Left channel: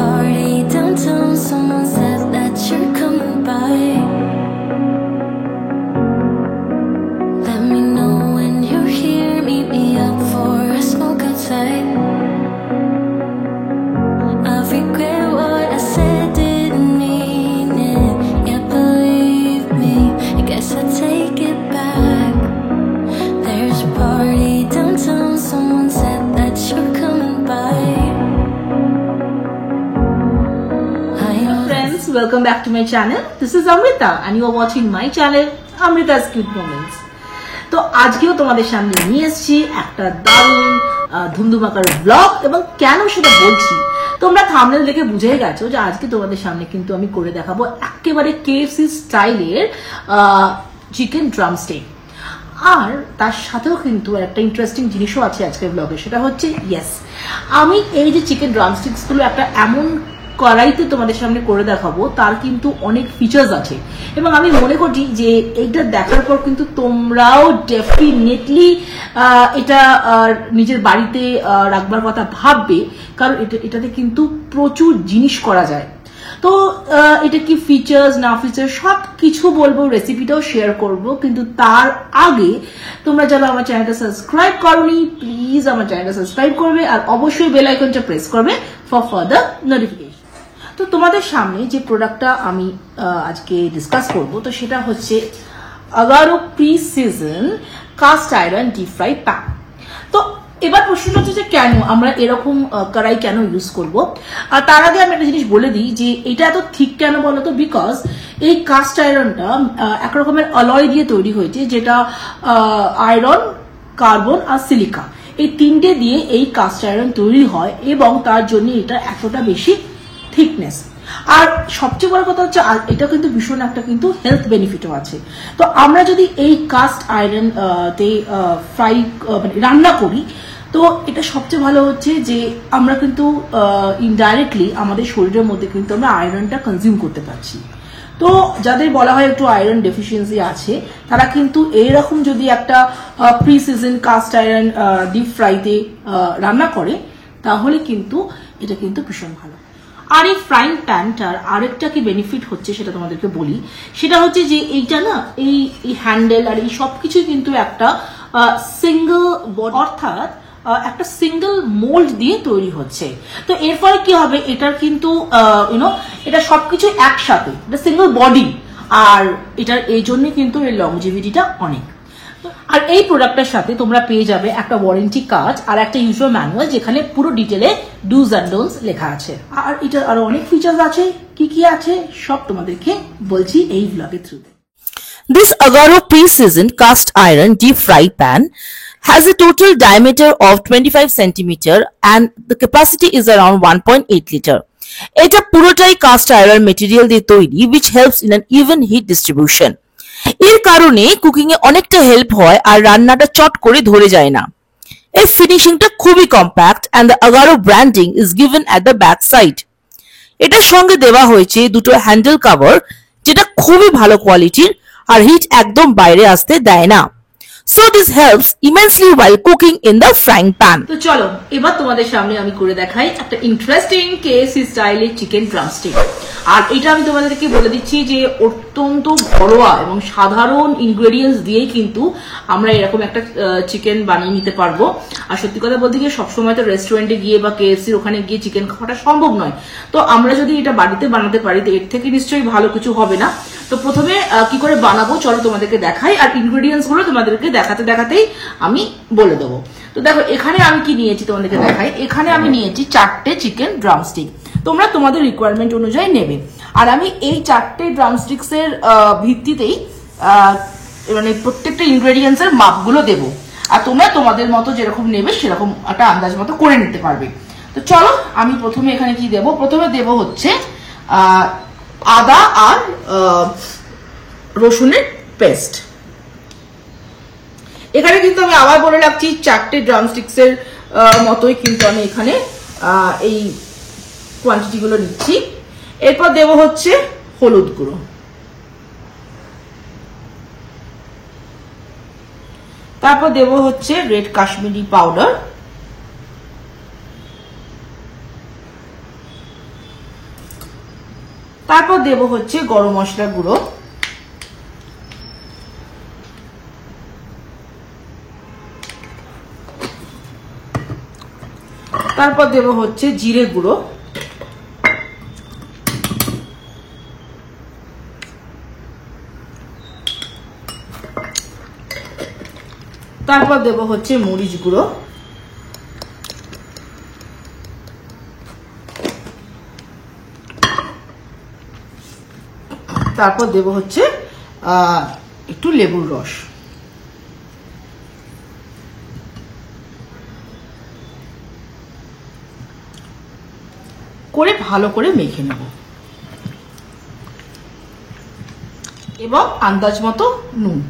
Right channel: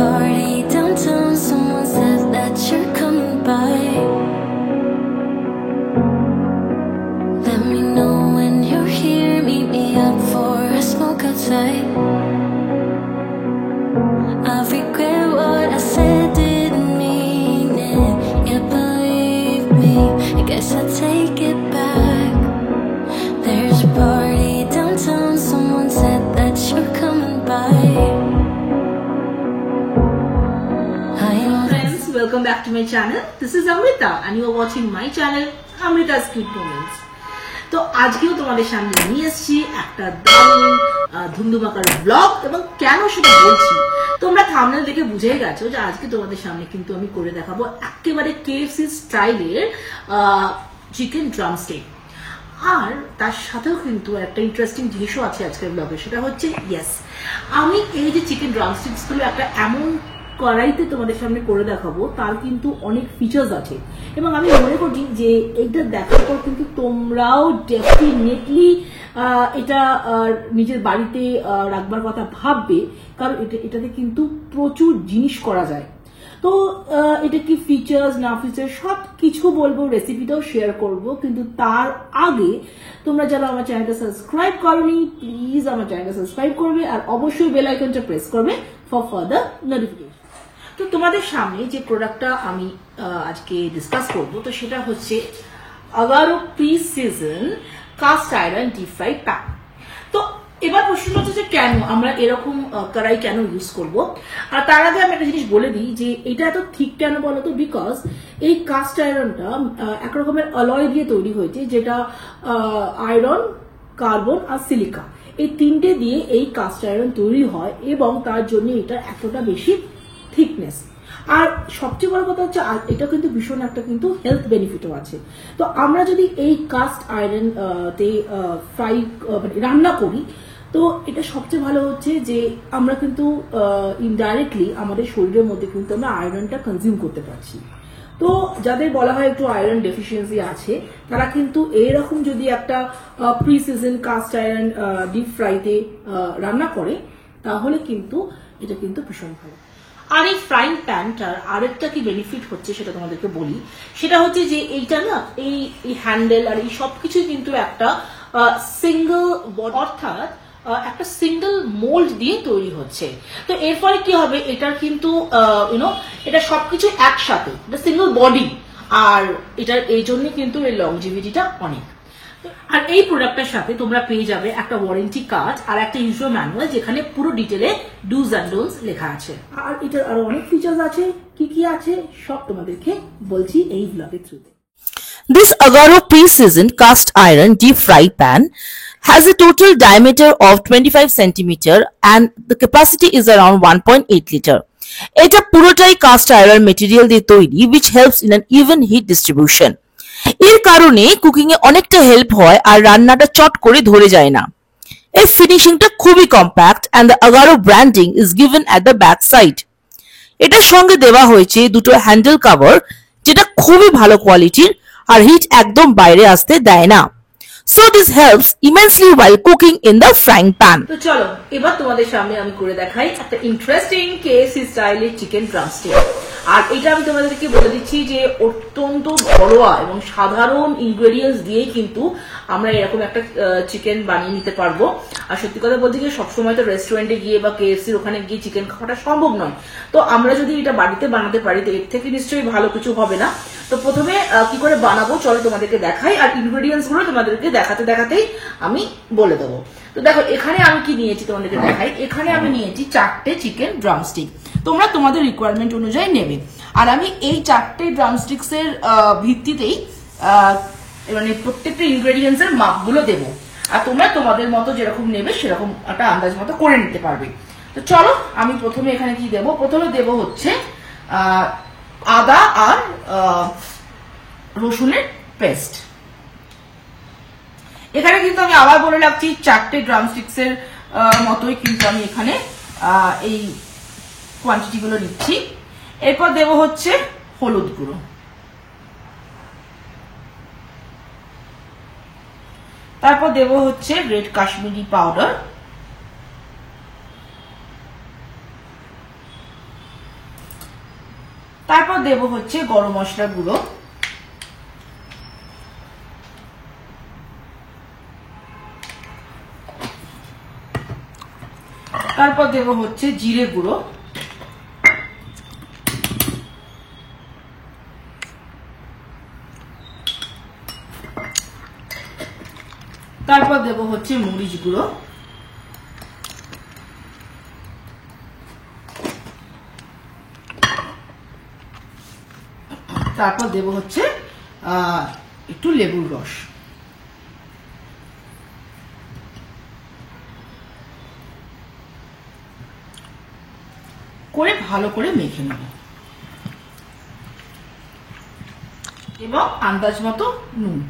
party downtown, someone said that you're coming by. Let me know when you're here, meet me up for a smoke outside. I regret what I said, didn't mean it. Yeah, believe me, I guess I'll take it back. There's a party downtown, someone said that you're coming by. Friends, welcome back to my channel. This is Amrita and you are watching my channel Amrita's Cute Moments. তো আজকেও তোমাদের সামনে নিয়ে এসেছি একটা দারুণ ধুমধুমাকার blog, এবং কেন সেটা বলছি তোমরা থাম্বনেল দেখে বুঝেই গেছো যে আজকে তোমাদের সামনে কিন্তু আমি করে দেখাবো একেবারে কেএফসি স্টাইলের চিকেন ড্রামস্টিক। আর তার সাথেও কিন্তু একটা ইন্টারেস্টিং জিনিসও আছে আজকের ব্লগে, সেটা হচ্ছে আমি এই যে চিকেন ড্রামস্টিক্স গুলো একটা এমন কড়াইতে তোমাদের সামনে করে দেখাবো, তার কিন্তু অনেক ফিচার্স আছে এবং আমি মনে করি যে এইটা দেখার পর কিন্তু তোমরাও ডেফিনেটলি এটা নিজের বাড়িতে রাখবার কথা ভাববে, কারণ এটাতে কিন্তু প্রচুর জিনিস করা যায়। তো এটা কি ফিচার্স না ফিচার্স সব কিছু বলবো, রেসিপিটাও শেয়ার করব, কিন্তু তার আগে তোমরা যারা আমার চ্যানেলটা সাবস্ক্রাইব করোনি প্লিজ আমার চ্যানেলটা সাবস্ক্রাইব করবে আর অবশ্যই বেল আইকনটা প্রেস করবে ফর ফার্দার নোটিফিকেশন। তো তোমাদের সামনে যে প্রোডাক্টটা আমি আজকে ডিসকাস করব, তো সেটা হচ্ছে Agaro precision cast iron deep fry pan. তো এবার প্রশ্ন হচ্ছে যে কেন আমরা এরকম কড়াই কেন ইউজ করব। আর তার আগে আমি একটা জিনিস বলে দিই যে এটা এত থিক কেন বলতো, বিকজ এই কাস্ট আয়রনটা একরকমের অলয় দিয়ে তৈরি হয়েছে, যেটা আয়রন, কার্বন আর সিলিকা এই তিনটে দিয়ে এই কাস্ট আয়রন তৈরি হয় এবং তার জন্য এটা এতটা বেশি থিকনেস। আর সবচেয়ে বড় কথা হচ্ছে এটা কিন্তু ভীষণ একটা কিন্তু হেলথ বেনিফিটও আছে। তো আমরা যদি এই কাস্ট আয়রন তে ফ্রাই রান্না করি, তো এটা সবচেয়ে ভালো হচ্ছে যে আমরা কিন্তু ইনডাইরেক্টলি আমাদের শরীরের মধ্যে কিন্তু আমরা আয়রনটা কনজিউম করতে পারছি। তো যাদের বলা হয় একটু আয়রন ডেফিসিয়েন্সি আছে, তারা কিন্তু এইরকম যদি একটা প্রিসিজন কাস্ট আয়রন ডিপ ফ্রাইতে রান্না করে, তাহলে কিন্তু এটা কিন্তু ভীষণ ভালো। আর এই ফ্রাইং প্যানটার আরেকটা কি বেনিফিট হচ্ছে সেটা তোমাদেরকে বলি, সেটা হচ্ছে যে এইটা না এই হ্যান্ডেল আর এই সবকিছুই কিন্তু একটা সিঙ্গল, অর্থাৎ একটা সিঙ্গল মোল্ড দিয়ে তৈরি হচ্ছে। তো এর ফলে কি হবে, এটার কিন্তু এটা সবকিছু একসাথে, এটা সিঙ্গল বডি, আর এটার এই জন্য কিন্তু এর লংজিভিটিটা অনেক। আর এই প্রোডাক্টের সাথে তোমরা পেয়ে যাবে একটা ওয়ারেন্টি কার্ড আর একটা ইউজার ম্যানুয়াল, যেখানে পুরো ডিটেলে ডুজ অ্যান্ড ডোন্টস লেখা আছে। আর এটার আরো অনেক ফিচার্স আছে, কি কি আছে সব তোমাদেরকে বলছি এই ব্লগের থ্রুতে। This Agaro pre-seasoned cast iron deep fry pan has a total diameter of 25 cm and the capacity is around 1.8 liter. এটা পুরোটাই কাস্ট আয়রন মেটেরিয়াল দিয়ে তৈরি, which helps in an even heat distribution. এর কারণে কুকিং এ অনেকটা help হয় আর রান্নাটা চট করে ধরে যায় না। এর ফিনিশিংটা খুবই compact and the Agaro branding is given at the back side. এটার সঙ্গে দেওয়া হয়েছে দুটো হ্যান্ডেল কভার, যেটা খুবই ভালো কোয়ালিটির আর হিট একদম বাইরে আসতে দেয় না। So this helps immensely while cooking in the frying pan. তো চলো এবার তোমাদের সামনে আমি করে দেখাই একটা ইন্টারেস্টিং কেএফসি স্টাইলের চিকেন ড্রামস্টিক। আর এটা আমি তোমাদেরকে বলে দিচ্ছি যে অত্যন্ত ঘরোয়া এবং সাধারণ ইনগ্রেডিয়েন্টস দিয়ে কিন্তু আমরা এরকম একটা চিকেন বানিয়ে নিতে পারবো। আর সত্যি কথা বলতে গিয়ে সবসময় তো রেস্টুরেন্টে গিয়ে বা কেএফসির ওখানে গিয়ে চিকেন খাওয়াটা সম্ভব নয়। তো আমরা যদি এটা বাড়িতে বানাতে পারি তো এর থেকে নিশ্চয়ই ভালো কিছু হবে না। তো প্রথমে কি করে বানাবো চলো তোমাদেরকে দেখাই, আর ইনগ্রেডিয়েন্টস গুলো তোমাদেরকে দেখাতে দেখাতেই আমি বলে দেবো। তো দেখো এখানে আমি কি নিয়েছি তোমাদেরকে দেখাই। এখানে আমি নিয়েছি 4টে চিকেন ড্রামস্টিক, তোমরা তোমাদের রিকোয়ারমেন্ট অনুযায়ী নেবে। আর আমি এই 4টে ড্রামস্টিক্স এর ভিত্তিতেই মানে প্রত্যেকটা ইনগ্রেডিয়েন্টস এর মাপগুলো দেবো, আর তোমরা তোমাদের মতো যেরকম নেবে সেরকম একটা আন্দাজ মতো করে নিতে পারবে। তো চলো আমি প্রথমে এখানে কি দেবো, প্রথমে দেবো হচ্ছে আদা আর রসুনের পেস্ট। এখানে কিন্তু আমি আবার বলে রাখছি 4টে ড্রামস্টিক্স এর মতোই কিন্তু আমি এখানে এই কোয়ান্টিটি গুলো নিচ্ছি। এরপর দেব হচ্ছে হলুদ গুঁড়ো, তারপর দেব হচ্ছে রেড কাশ্মীরি পাউডার, তারপর দেব হচ্ছে গরম মশলা গুঁড়ো, তারপর দেব হচ্ছে জিরে গুঁড়ো, তারপর দেব হচ্ছে মরিচ গুঁড়ো, তারপর দেব হচ্ছে একটু লেবুর রস। করে ভালো করে মেখে নেব এবং আন্দাজ মতো নুন,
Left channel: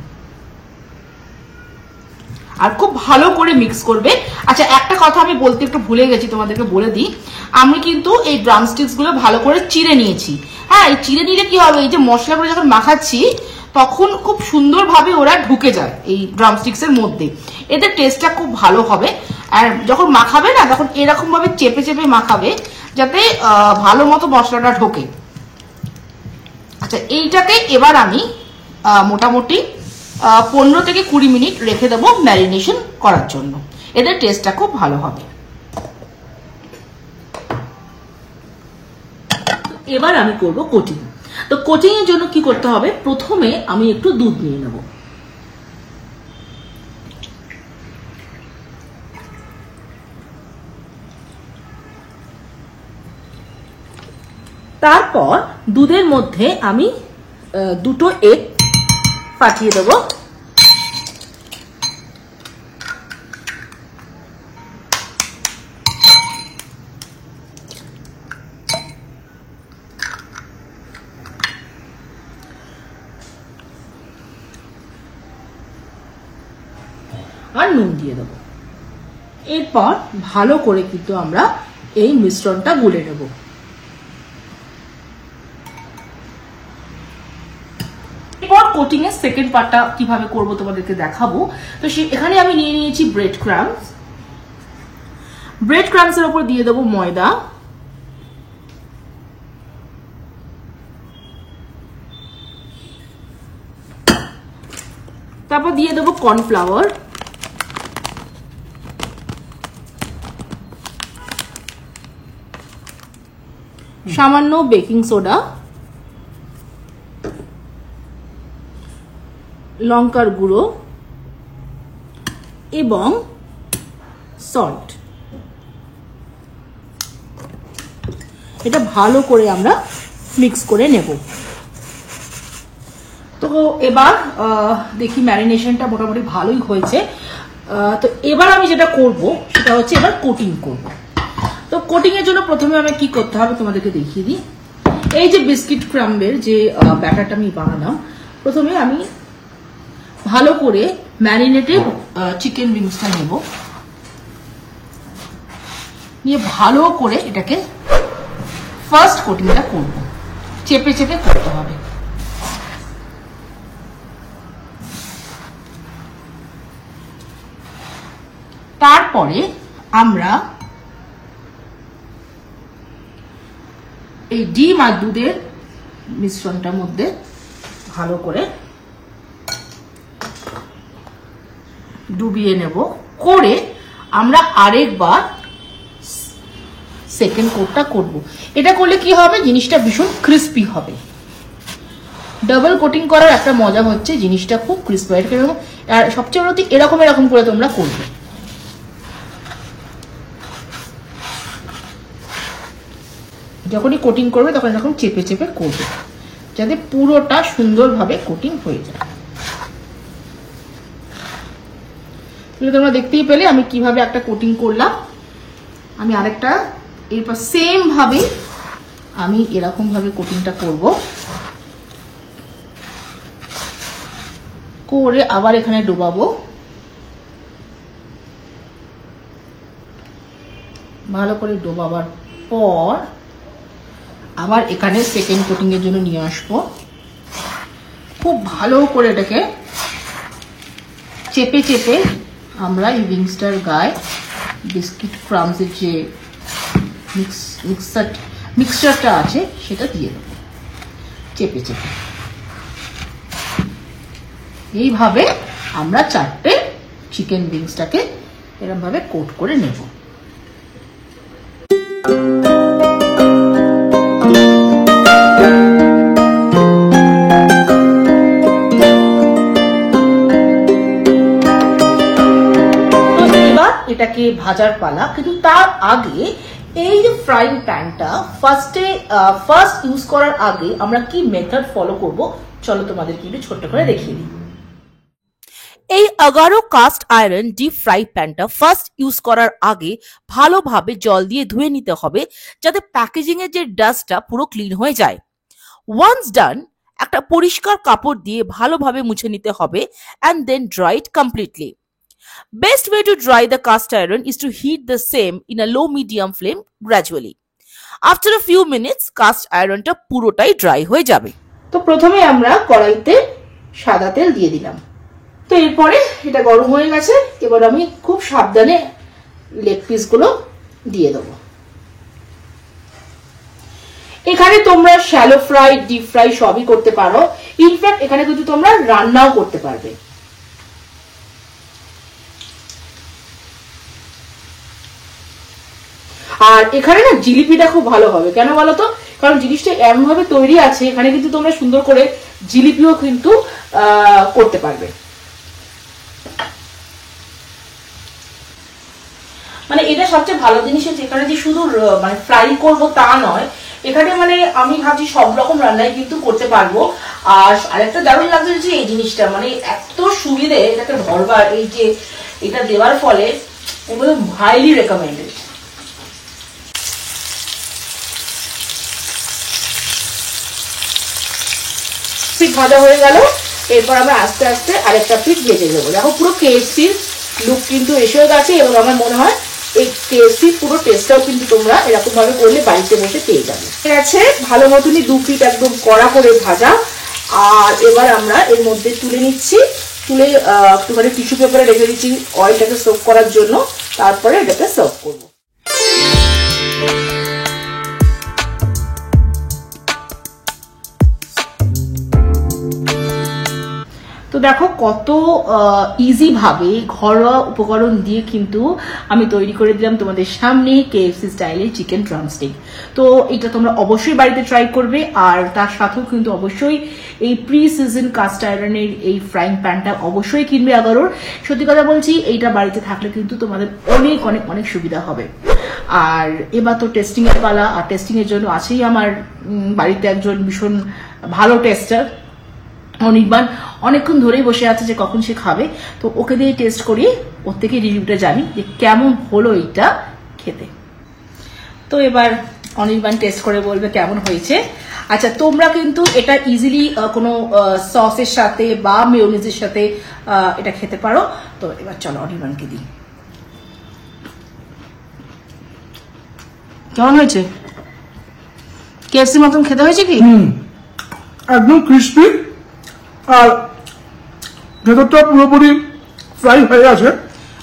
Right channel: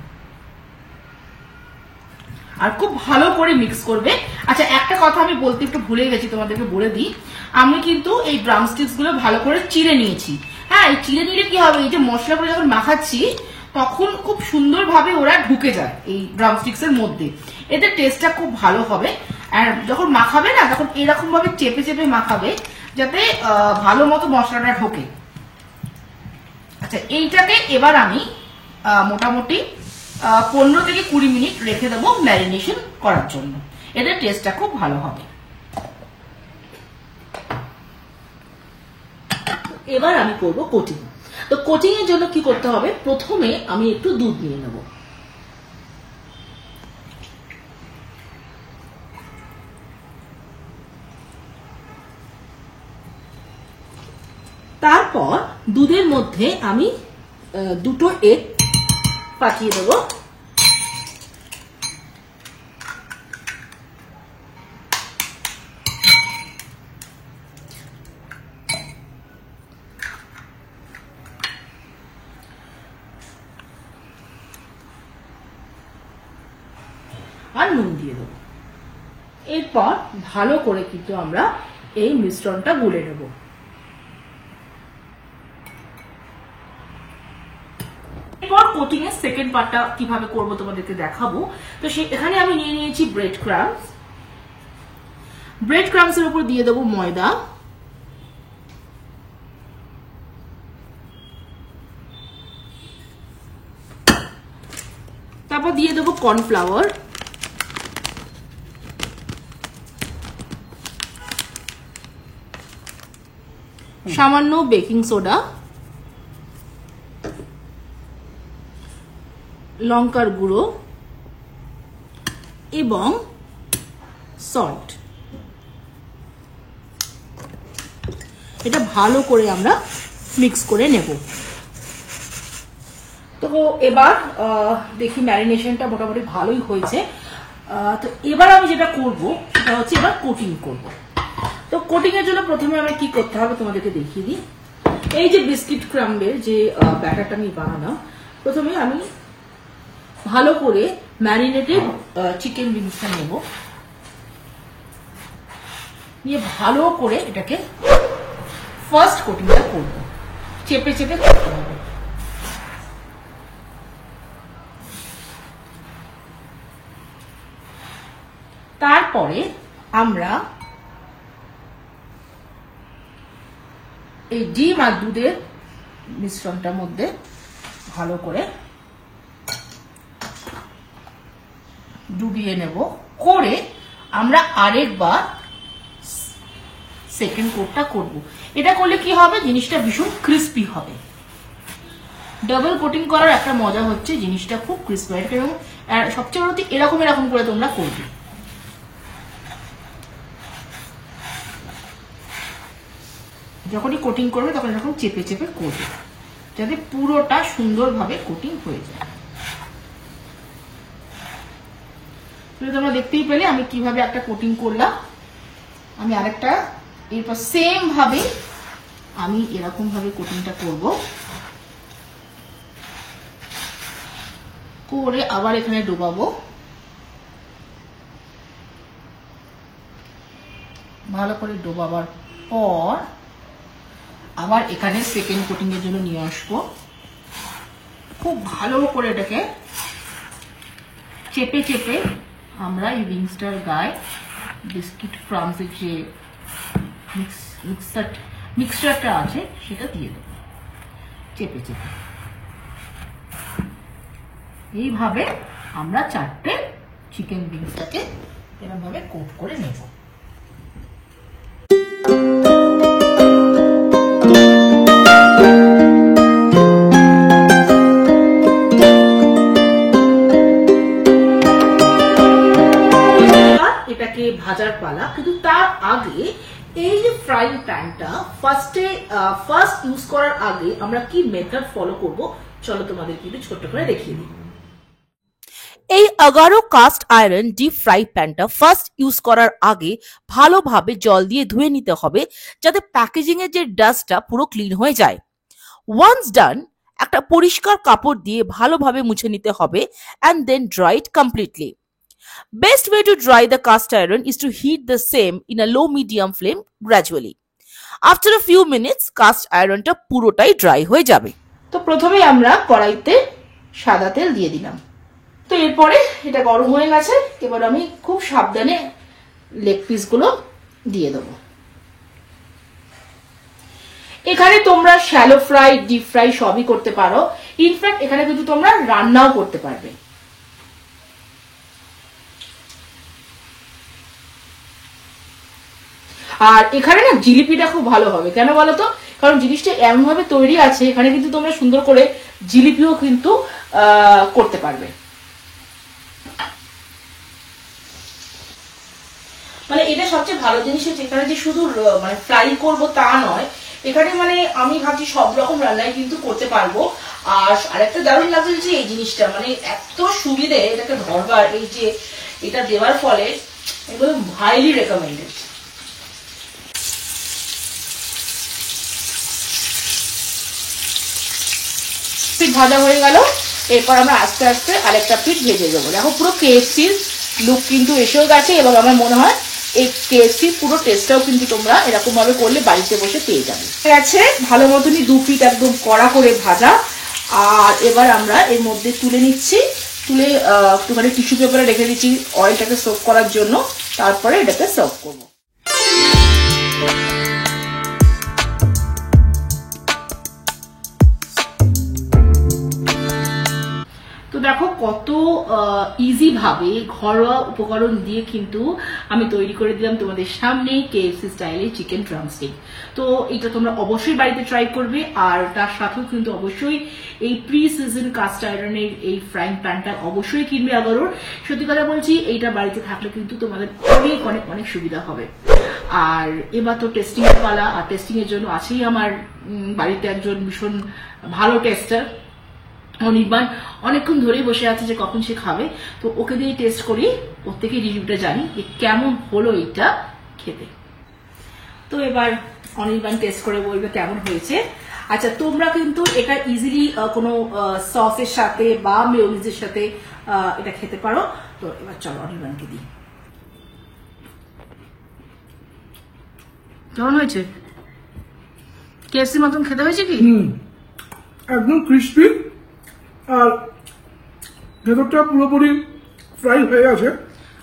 আর খুব ভালো করে মিক্স করবে। আচ্ছা, একটা কথা আমি বলতে একটু ভুলে গেছি, তোমাদেরকে বলে দিই, আমি কিন্তু এই ড্রামস্টিক্স গুলো ভালো করে চিড়ে নিয়েছি। হ্যাঁ, এই চিড়ে নিলে কি হবে, এই যে মশলাগুলো যখন মাখাচ্ছি তখন খুব সুন্দরভাবে ওরা ঢুকে যায় এই ড্রামস্টিক্স এর মধ্যে, এতে টেস্টটা খুব ভালো হবে। আর যখন মাখাবে না তখন এরকম ভাবে চেপে চেপে মাখাবে যাতে ভালো মতো মশলাটা ঢোকে। আচ্ছা, এইটাকে এবার আমি মোটামুটি 15 থেকে 20 মিনিট রেখে দেবো ম্যারিনেশন করার জন্য, এদের টেস্টটা খুব ভালো হবে। এবার আমি করব কোটিং। তো কোটিং এর জন্য কি করতে হবে, প্রথমে আমি একটু দুধ নিয়ে নেব, তারপর দুধের মধ্যে আমি 2টো এগ পাঠিয়ে দেব, আর নুন দিয়ে দেব। এরপর ভালো করে কিন্তু আমরা এই মিশ্রণটা গুলে নেব। এরপর কোটিং এর সেকেন্ড পার্টটা কিভাবে করব তোমাদেরকে দেখাবো। তো এখানে আমি নিয়ে নিয়েছি ব্রেড ক্রাম্বস, ব্রেড ক্রাম্বস এর উপর দিয়ে দেবো ময়দা, তারপর দিয়ে দেবো কর্নফ্লাওয়ার, সামান্য বেকিং সোডা, লঙ্কার গুঁড়ো এবং সল্ট। এটা ভালো করে আমরা মিক্স করে নেব। তো এবার দেখি ম্যারিনেশনটা মোটামুটি ভালোই হয়েছে। তো এবার আমি যেটা করব সেটা হচ্ছে এবার কোটিং করব। তো কোটিং এর জন্য প্রথমে আমি কি করতে হবে তোমাদেরকে দেখিয়ে দিই। এই যে বিস্কিট ক্রাম্বের যে ব্যাটারটা আমি বানালাম, প্রথমে আমি ভালো করে ম্যারিনেটেড চিকেন উইংসটা নেব, নিয়ে ভালো করে এটাকে ফার্স্ট কোটিংটা করব, চেপে চেপে করতে হবে। তারপরে আমরা এই ডিম আর দুধের মিশ্রণটার মধ্যে ভালো করে ডুবিয়ে নেব, করে আমরা আরেকবার সেকেন্ড কোটটা করব। এটা করলে কি হবে, জিনিসটা ভীষণ ক্রিস্পি হবে। ডাবল কোটিং করার একটা মজা হচ্ছে জিনিসটা খুব ক্রিস্পি হয়, এবং সবচেয়ে বড় এরকম এরকম করে তোমরা করবে। যখনই কোটিং করবে তখন এরকম চেপে চেপে করবে যাতে পুরোটা সুন্দরভাবে কোটিং হয়ে যায়। তোমরা দেখতেই পেলে আমি কিভাবে একটা কোটিং করলাম। আমি আরেকটা এরপর সেম ভাবে আমি এরকম ভাবে কোটিংটা করব, করে আবার এখানে ডোবাবো। ভালো করে ডোবাবার পর আবার এখানে সেকেন্ড কোটিং এর জন্য নিয়ে আসবো। খুব ভালো করে এটাকে চেপে চেপে আমরা এই উইংসটার গায়ে বিস্কিট ক্রাম্বসের যে মিক্সচারটা আছে সেটা দিয়ে দেবো। চেপে চেপে এইভাবে আমরা 4টে চিকেন উইংসটাকে এরকম ভাবে কোট করে নেব। এটাকে ভাজার পালা, কিন্তু তার আগে এই যে ফ্রাইং প্যানটা ফার্স্ট ইউজ করার আগে আমরা কি মেথড ফলো করব চলো তোমাদেরকে একটু ছোট্ট করে দেখিয়ে দিই। এই Agaro caste iron deep fry প্যানটা ফার্স্ট ইউজ করার আগে ভালোভাবে জল দিয়ে ধুয়ে নিতে হবে, যাতে প্যাকেজিং এর যে ডাস্টটা পুরো ক্লিন হয়ে যায়। ওয়ান্স ডান, একটা পরিষ্কার কাপড় দিয়ে ভালোভাবে মুছে নিতে হবে and then dry it completely. Best way to dry the cast iron is to heat the same in a low medium flame gradually. After a few minutes, cast ironটা পুরোটাই dry হয়ে যাবে। তো প্রথমে আমরা কড়াইতে সাদা তেল দিয়ে দিলাম। তো এরপরে এটা গরম হয়ে গেছে, এবার আমি খুব সাবধানে লেগ পিস গুলো দিয়ে দেবো। এখানে তোমরা শ্যালো ফ্রাই, ডিপ ফ্রাই সবই করতে পারো। ইনফ্যাক্ট এখানে কিন্তু তোমরা রান্নাও করতে পারবে। আর এখানে না জিলিপিটা খুব ভালো হবে, কেন বলতো? কারণ জিনিসটা এমন ভাবে তৈরি আছে, এখানে কিন্তু তোমরা সুন্দর করে জিলিপিও কিন্তু করতে পারবে। মানে এটা সবচেয়ে ভালো জিনিস হচ্ছে এখানে যে শুধু মানে ফ্রাই করব তা নয়, এখানে মানে আমি ভাবছি সব রকম রান্নাই কিন্তু করতে পারবো। আর আরেকটা দারুণ লাগছে যে এই জিনিসটা মানে এত সুবিধে এটাকে ধরবার, এই যে এটা দেওয়ার ফলে এগুলো হাইলি রেকমেন্ডেড। পিস ভাজা হয়ে গেল, এরপর আমরা আস্তে আস্তে আরেকটা পিস ভেজে দেবো। দেখো পুরো কেএফসির লুক কিন্তু এসেও গেছে, এবং আমার মনে হয় এই কেএফসির পুরো টেস্টটাও কিন্তু তোমরা এরকম ভাবে করলে বাড়িতে বসে পেয়ে যাবে। আছে ভালো মতনই 2 পিস একদম কড়া করে ভাজা। আর এবার আমরা এর মধ্যে তুলে নিচ্ছি, তুলে একটুখানি টিস্যু পেপারে রেখে দিচ্ছি অয়েলটাকে সার্ভ করার জন্য, তারপরে এটাকে সার্ভ করবো। তো দেখো কত ইজি ভাবে ঘরোয়া উপকরণ দিয়ে কিন্তু আমি তৈরি করে দিলাম তোমাদের সামনে কেএফসি স্টাইলের চিকেন ড্রামস্টিক। তো এটা তোমরা অবশ্যই বাড়িতে ট্রাই করবে, আর তার সাথেও কিন্তু অবশ্যই এই প্রি সিজন কাস্ট আয়রনের এই ফ্রাইং প্যানটা অবশ্যই কিনবে আগারোর। সত্যি কথা বলছি, এইটা বাড়িতে থাকলে কিন্তু তোমাদের অনেক অনেক অনেক সুবিধা হবে। আর এবার তো টেস্টিং এর পালা, আর টেস্টিং এর জন্য আছেই আমার বাড়িতে একজন ভীষণ ভালো টেস্টার অনির্বাণ, অনেকক্ষণ ধরেই বসে আছে যে কখন সে খাবে। তো ওকে দিয়ে টেস্ট করি, ওর থেকে রিভিউটা জানি যে কেমন হলো এটা খেতে। তো এবার অনির্বাণ টেস্ট করে বলবে কেমন হয়েছে। আচ্ছা, তোমরা কিন্তু এটা ইজিলি কোনো সসের সাথে বা মেয়োনিজের সাথে এটা খেতে পারো। তো এবার চলো অনির্বাণকে দিই। কেমন হয়েছে? কেএফসি মতন খেতে হয়েছে কি? একদম ক্রিস্পি, আর ভেতরটা পুরোপুরি ফ্রাই হয়ে আছে,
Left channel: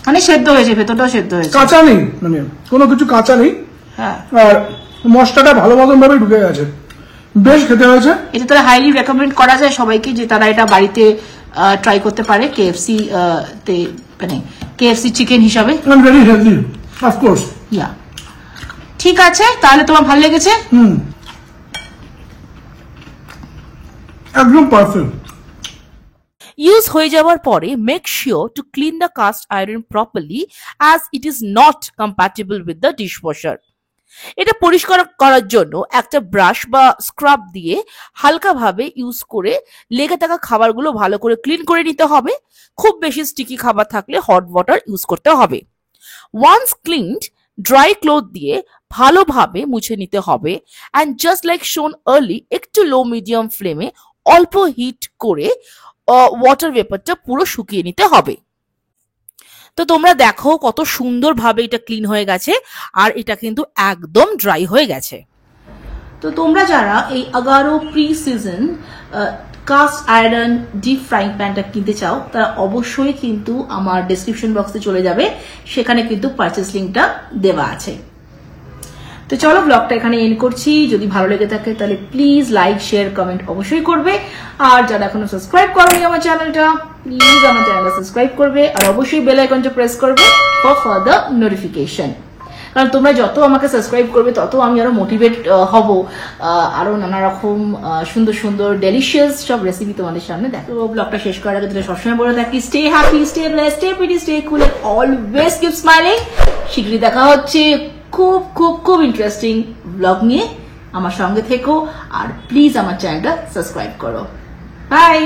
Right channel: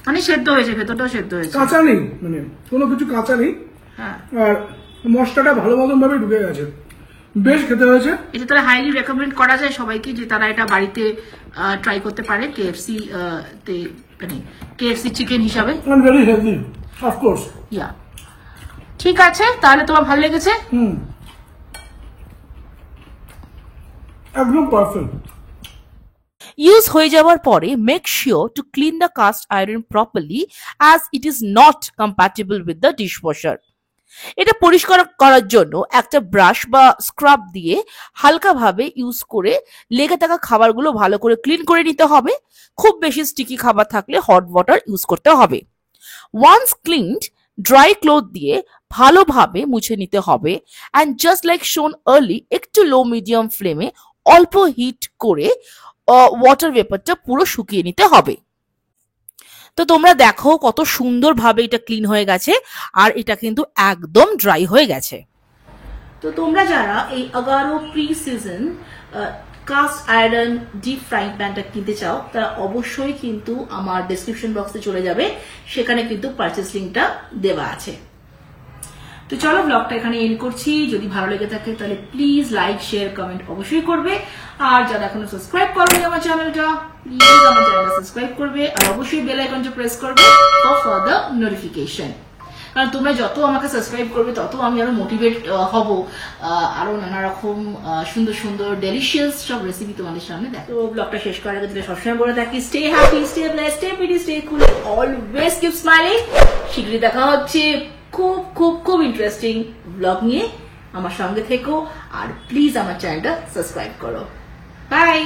মানে সেদ্ধ হয়েছে, ভেতরটাও সেদ্ধ হয়েছে, কাঁচা নেই, মানে কোনো কিছু কাঁচা নেই। হ্যাঁ, আর মশলাটা ভালো মতন ভাবে ঢুকে গেছে, বেশ খেতে হয়েছে। এটা তারা হাইলি রেকমেন্ড করা যায় সবাইকে যে তারা এটা বাড়িতে ট্রাই করতে পারে কেএফসি তে, মানে কেএফসি চিকেন হিসাবে। Very healthy, of course. ইয়া, ঠিক আছে, তাহলে তোমার ভালো লেগেছে? একদম পারফেক্ট। ইউজ হয়ে যাওয়ার পরে make sure to clean the cast iron properly as it is not compatible with the dishwasher. এটা পরিষ্কার করার জন্য একটা ব্রাশ বা স্ক্রাব দিয়ে হালকাভাবে ইউজ করে লেগে থাকা খাবারগুলো ভালো করে ক্লিন করে নিতে হবে। খুব বেশি স্টিকি খাবার থাকলে হট ওয়াটার ইউজ করতে হবে। ওয়ান্স ক্লিনড, ড্রাই ক্লথ দিয়ে ভালোভাবে মুছে নিতে হবে, অ্যান্ড জাস্ট লাইক শোন আর্লি একটু লো মিডিয়াম ফ্লেমে অল্প হিট করে ওয়াটার ভেপারটা পুরো শুকিয়ে নিতে হবে। তো তোমরা দেখো কত সুন্দরভাবে এটা ক্লিন হয়ে গেছে, আর এটা কিন্তু একদম ড্রাই হয়ে গেছে। তো তোমরা যারা এই Agaro precision cast iron deep frying প্যানটা কিনতে চাও, তারা অবশ্যই কিন্তু আমার ডেসক্রিপশন বক্সে চলে যাবে, সেখানে কিন্তু পারচেস লিঙ্কটা দেওয়া আছে। তো চলো ব্লগটা এখানে এন্ড করছি। যদি ভালো লেগে থাকে তাহলে প্লিজ লাইক শেয়ার কমেন্ট অবশ্যই করবে, আর যারা এখনো সাবস্ক্রাইব করেনি আমার চ্যানেলটা প্লিজ আমার চ্যানেলটা সাবস্ক্রাইব করবে, আর অবশ্যই বেল আইকনটা প্রেস করবে ফর ফার্দার নোটিফিকেশন। কারণ তোমরা যত আমাকে সাবস্ক্রাইব করবে তত আমি আরো মোটিভেট হব আরো নানা রকম সুন্দর সুন্দর ডেলিশিয়াস সব রেসিপি তোমাদের সামনে দেখো। ব্লগটা শেষ করার আগে সবসময় বলে থাকি, stay happy, stay blessed, stay pretty, stay কুল, অলওয়েজ কিপ স্মাইলিং। শীঘ্রই দেখা হচ্ছে খুব খুব খুব ইন্টারেস্টিং ব্লগ নিয়ে। আমার সঙ্গে থেকো আর প্লিজ আমার চ্যানেলটা সাবস্ক্রাইব করো। বাই।